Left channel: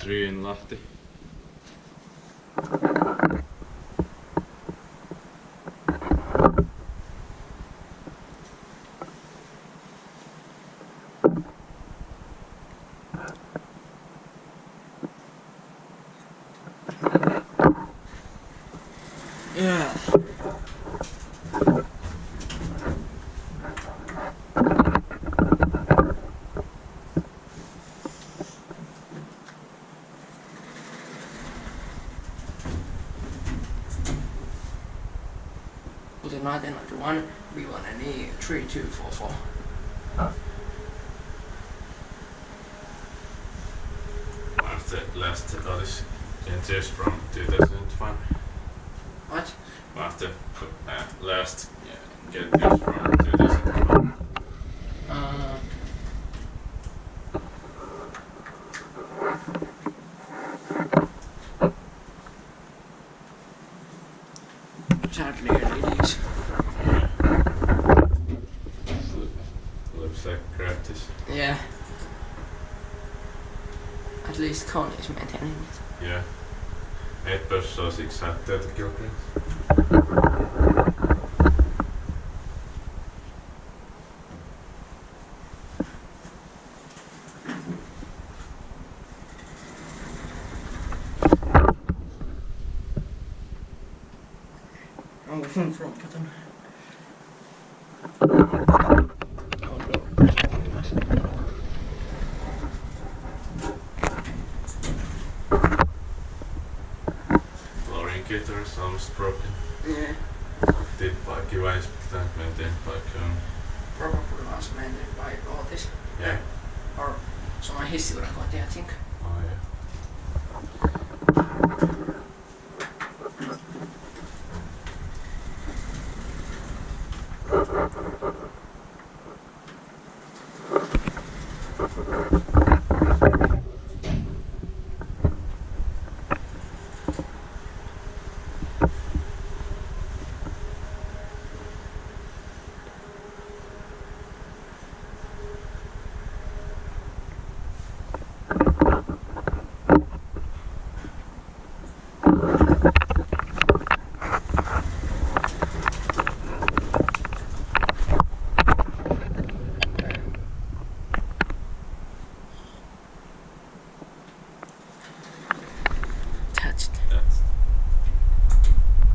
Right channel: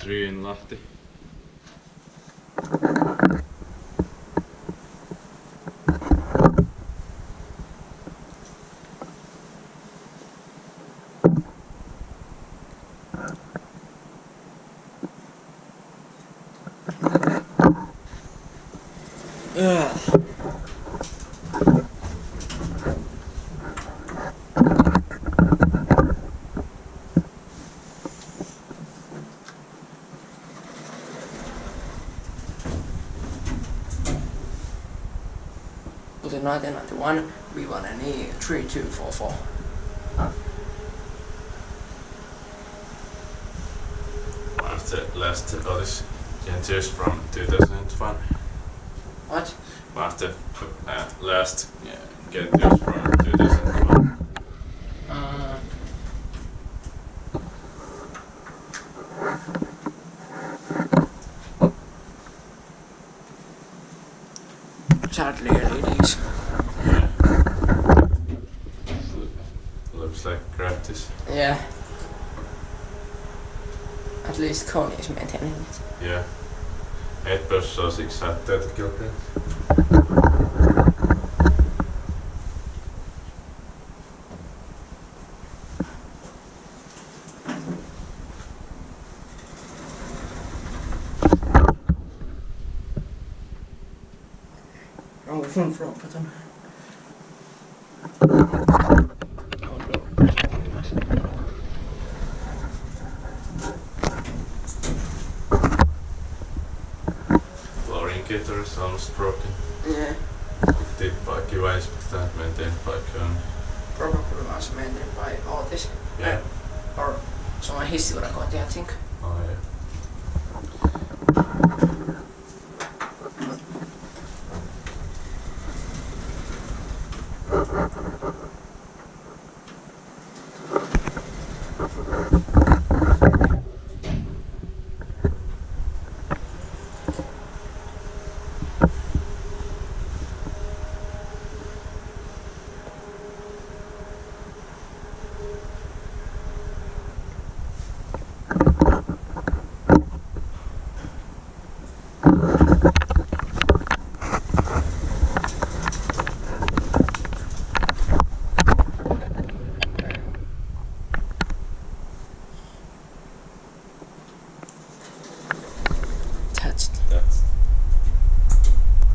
3 in Lahti. Yeah. Was it 1991? We won an E 3244. Was the last Otis GeN2 from 2001? What? Was the last GeN2 from 2001? Sadly, it is. Yeah. Looks like practice. Yeah. At least Kone is maintaining it. Yeah. 8% at 30 kilograms. Oh, från frågan. Floor indicator is almost broken. Yeah. Picked it by Kiwa, Inspecta, and maintained by Kone. Probably was maintained by Otis. Yeah. Or someone history record, I think. Oh yeah.